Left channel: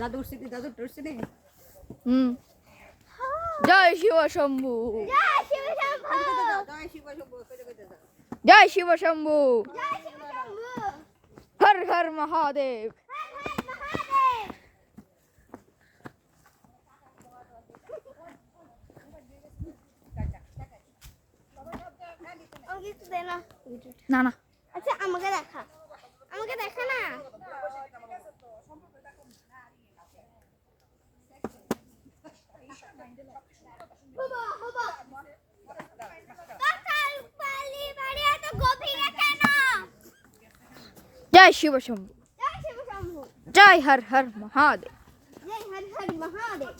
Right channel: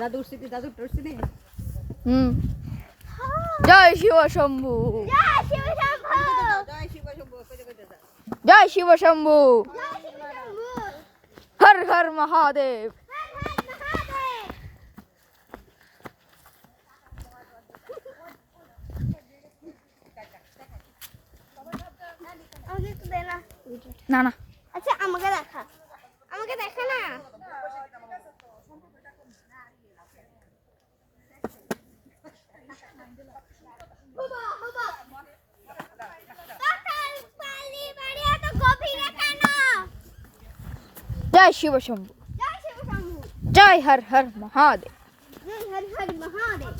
দাদুর স্মৃতি দাদুর তোর স্মৃতি জয় শিব শম্ভু জয় শিব শম্ভু জয় শিব শম্ভু জয় শিব শম্ভু জয় শিব শম্ভু হর হর মহাদেব হর হর মহাদেব আমাকে একটু দে না না না আচ্ছা আমাকে দেখা না বাবা বাবা কাকার পালি বাড়ি এত গভীরে কেন জয় শিব শম্ভু জয় শিব শম্ভু জয় হর হর মহাদেব জয় হর হর মহাদেব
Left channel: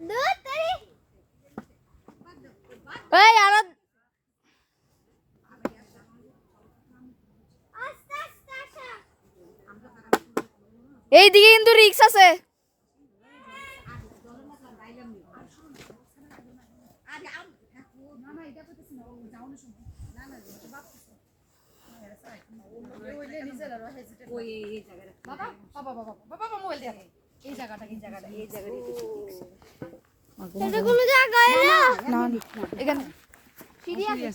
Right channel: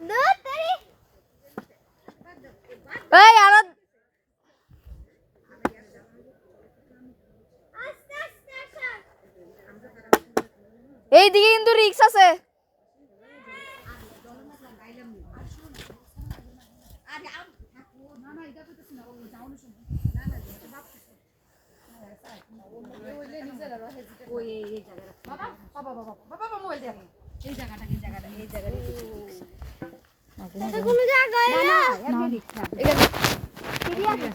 দুধ তরি এই আরো আস্তে আস্তে আসা এইদিকে কিন্তু রিক্স আছে ওই এই জায়গাটা বাবা মোবাইল দে এই জায়গাটা এটা কোন জায়গায় না সিঁড়ি আছে